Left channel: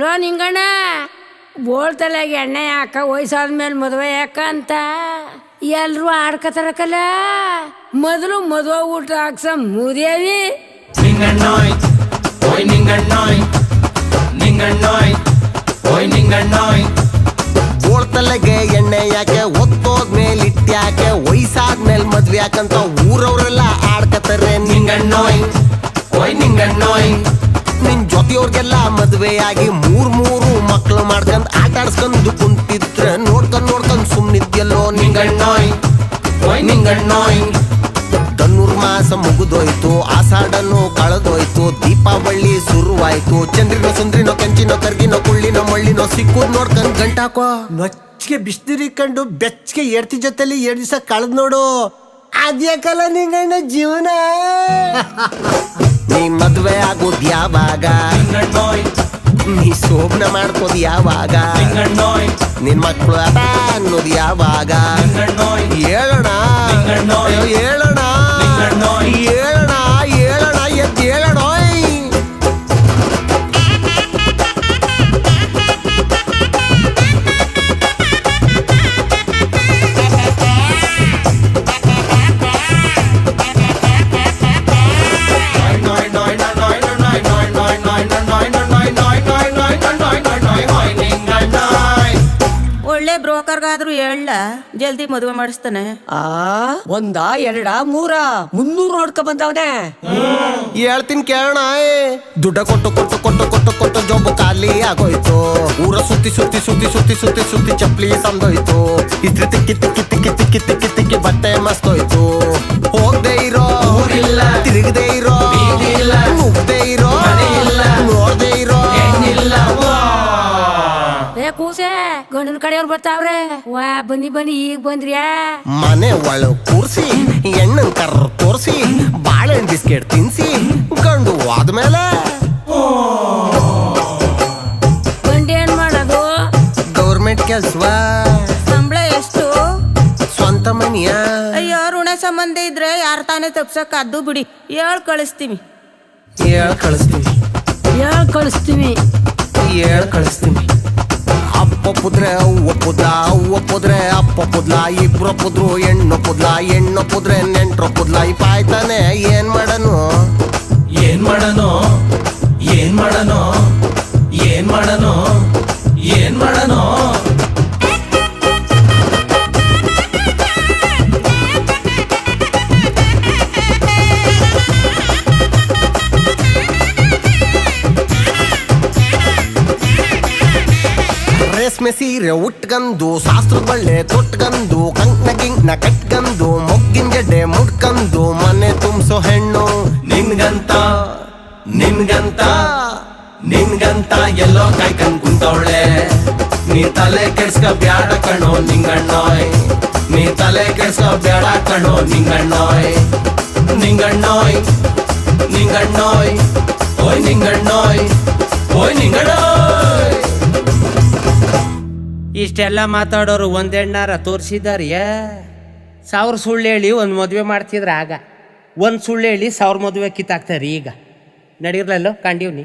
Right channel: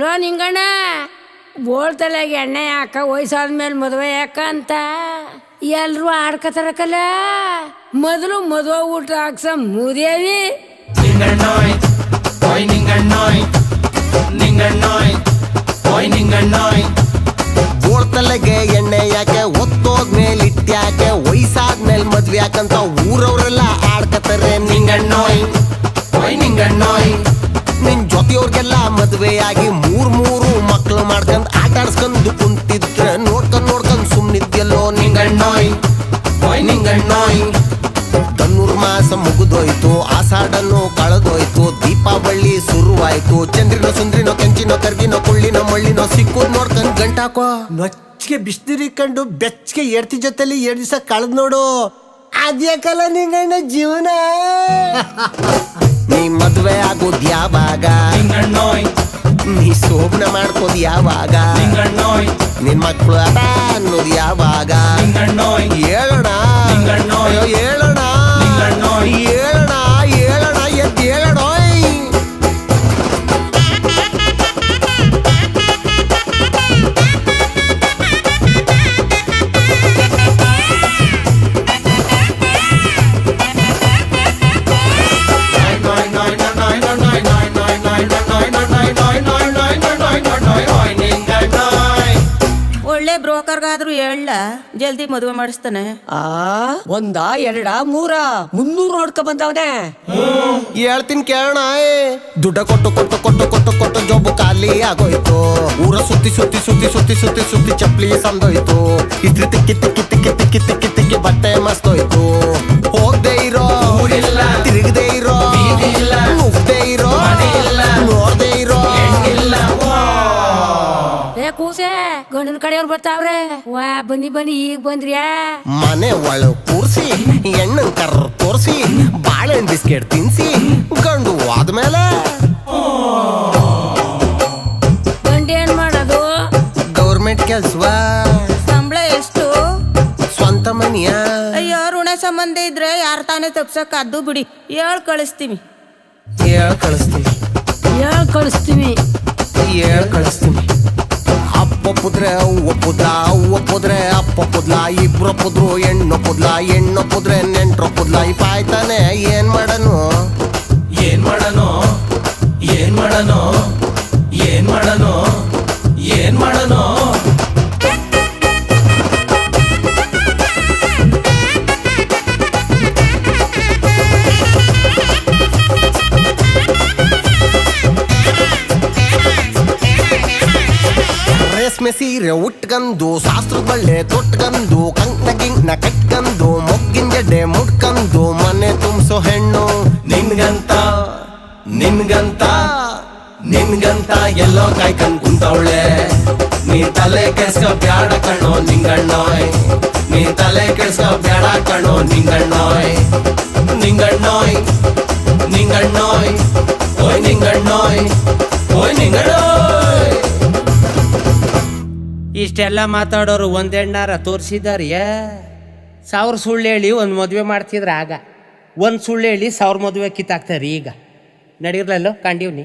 Low Ninganna ಬೋಳ್ತಲೆಗೆ ಎಣ್ಣೆ ಯಾಕ ವಯಸ್ಸಾದ್ಮೇಲೆ ಮದುವೆ ಯಾಕ ಅಂತ ಎಲ್ರು ಆಡ್ಕತಾರಕಲ್ಲ. ಮೊದಲು ಮದುವೆ ಊಟ ಹಾಕ್ಸ ಮುದೇವಿ ಬೋಳ್ತಲೆಗೆ ಎಣ್ಣೆ ಯಾಕೆ ಒತ್ತೋದ್ಮೇಲೆ ಇಟ್ಟ್ಯಾಕೆ ವಯಸ್ಸಾದ್ಮೇಲೆ ಮದ್ವೆ ಯಾಕಂತ ಊರವ್ರೆಲ್ಲ ಆಡ್ಕತಾರೆ. ನಿಂಗಣ್ಣೋಯ್ ನಿಂಗಣ್ಣೋಯ್ ನಿನ್ ಜೊತೆಯವ್ರಿಗೆಲ್ಲ ಮದ್ವೆ ಆಗಿ ಮೂರು ಮಕ್ಳು ಮಾಡ್ಕೊಂಡ್ ಆಟ ಆಡ್ಸ್ಕೊಂಡು ಕುಂತಿದ್ರೆ ನೋಡ್ಕೊಂಡ್ ಸುಮ್ನಿದ್ಯಲ್ಲೋ. ನಿಂಗಣ್ಣೋಯ್ ನಿಂಗಣ್ಣೋಯ್ ಧನುರ್ಮಾಸ ಮುಗಿದೋಯ್ತು, ಆಷಾಢನು ಕಳೆದೋಯ್ತು, ದೀಪಾವಳಿ ಶುರುವಾಯ್ತು. ಚಂದ್ರಿನೋ ಸುಂದ್ರಿನೋ ಕೆಂಚಿನೋ ಕರ್ಗಿನೋ ಕುಳ್ಳಿನೋ ಮಳ್ಳಿನೋ ಸಿಕ್ಕುದ್ ನೋಡ್ಕೊಂಡ್ ಗಂಟಾಕೋ. ನೊಚ್ಚಿಗೆ ಬಿಸ್ದಿರಿ ಕಂಡು ಬೆಚ್ಚಗೆ ಎಡ್ತಿ ಜೊತೆಲಿ 2 ದಿವಸ ಕಳೆದ್ ನೋಡು. ಅದ್ಯಾಕಲ್ಲ ನಿಂಗಣ್ಣ ಜೀವನ. ನೀ ಮದ್ವೆ ಆಗೋದ್ ಯಾವಾಗ, ನೀ ಶೋಭನ ಮಾಡ್ಕೋದ್ ಯಾವಾಗ, ನಿನ್ ಮಕ್ಳು ಅದ ಅನ್ನೋದು ಯಾವಾಗ. ಹೇಳೋಣ ಅಯ್ಯೋ ಹೇಳೋಣ ಹೇಳೋಣ ಹೇಳೋಣ ಎದ್ದು ಹೇಳೋಣ. ಒಳ್ಳೆ ಬ್ರೋಕರ್ಗಾದ್ರೂ ಹೇಳ ಜಲ್ದಿ ಮದುವೆ ಮಾಡಿಸ್ತಾನೆ. ಒಂದ 2 3 300 ನೋಡ್ಕೊ ಬಂದವನೆ. ಹೇಳ್ತೀನಿ ಕೇಳೋಣ. ದುಡ್ಡ ಕೊಟ್ಟು ಜೊಬ್ಬು ಖಾಲಿ ಆಗೋಯ್ತು. ಊರ ಸುತ್ತಿ ಚಪ್ಲಿ ಸಂದೋಯ್ತು. ಇಸ್ತ್ರಿ ತಿಕ್ಕಿ ಬಟ್ಟೆ ಮಸ್ತೋಯ್ತು. ಹೋಗ್ದೆ ಇರೋ ತಿರುಗದೆ ಇರೋ ನುಗ್ದೆ ಇರೋ ನೋಡ್ದೆ ಇರೋ. ಕೂಸೆ ಗಂಡನ ಕಡೆಯವ್ರು ಬರ್ತಾವ್ರೆ. ವಾ ಬನ್ನಿ ಈಗ ಬಂದ್ರಿಯಾ. ಮನೆ ಒಳ ಕೂರ್ಸಿ ಎಣ್ಣನ್ ಕರ್ರ ತೋರ್ಸಿ ಬಾಳೆಹಣ್ಣು ಬಿಸ್ಕೆಟ್ ತಿನ್ಸಿ ಗಂಡು ಆದ್ಮೇಲೆ ಗಂಡ ಏನ್ ಮಾಡೋದು? ಗೌರ್ಮೆಂಟ್ ಕೆಲ್ಸವಾ? ಸಂಬಳ ಎಷ್ಟು? ಸ್ವಂತ ಮನಿಯ? ಅಯ್ಯೋ ಋಣ ಸಂಬಂಧ ಇದ್ರೆ ಯಾರ ತಾನೇ ತಪ್ಸಕ್ ಅದು ಬಿಡಿ. ಹೇಳ್ ಕಳಿಸ್ತೀವಿ. ಹೇಳ್ ಕಳಿಸ್ತೀವಿ. ಅಪ್ಪೊಪ್ಪುದ್ರೆ ಒಪ್ಪುದ್ಲ, ಒಪ್ಪುದ್ರೆ ಅಪ್ಪೊಪ್ಪುದ್ಲ, ಇಬ್ರೊಪ್ಪುದ್ರು ಹೆಣ್ಣೊಪ್ಪುದ್ಲ, ಹೆಣ್ಣೊಪ್ಪುದ್ರೆ ನೆಂಟ್ರೊಪ್ಪುದ್ಲ. ಈ ಪಾಯ್ತಾನೆ ಏನ್ ಮಾಡನು. ರೇಷ್ಮೆ ಸೀರೆ ಉಟ್ಕಂದು ಶಾಸ್ತ್ರದ ಬಳ್ಳೆ ತೊಟ್ಕಂದು ಕಂಕ್ನ ಗಿಂಕ್ನ ಕಟ್ಕಂದು ಮೊಗ್ಗಿನ ಜಡ್ಡೆ ಮುಡ್ಕಂದು ಮನೆ ತುಂಬಿಸೋ ಹೆಣ್ಣು. ನಿನ್ಗಂತ ಎಲ್ಲೋ ಕಾಯ್ಕಂದ್ ಕುಂತವಳೆ. ನೀ ತಲೆ ಕೆಡ್ಸ್ಕ ಬ್ಯಾಡ ಕಣೋ ನಿಂಗಣ್ಣೋಯ್, ನೀ ತಲೆ ಕೆಡ್ಸ್ಕ ಬ್ಯಾಡ ಕಣೋ ನಿಂಗಣ್ಣೋಯ್. ನಿಂಗಣ್ಣೋಯ್ ಓಯ್ ನಿಂಗಣ್ಣೋಯ್. ಇಷ್ಟೆಲ್ಲ ಮಾತಾಡೋರು ಒಂದೆಣ್ಣಾರ ತೋರಿಸಿದಾರಿಯ. 1000 ಸುಳ್ಳು ಹೇಳಿ ಒಂದು ಮದುವೆ ಮಾಡ್ತಿದ್ರೆ ಆಗ 1 ಸುಳ್ಳು ಹೇಳಿ 1000 ಮದುವೆ ಕಿತ್ತಾಕ್ತಾರೆ. ಈಗ ನಡೀರ್ಲಲ್ಲೋ ಕಂಡೀವ್ನಿ.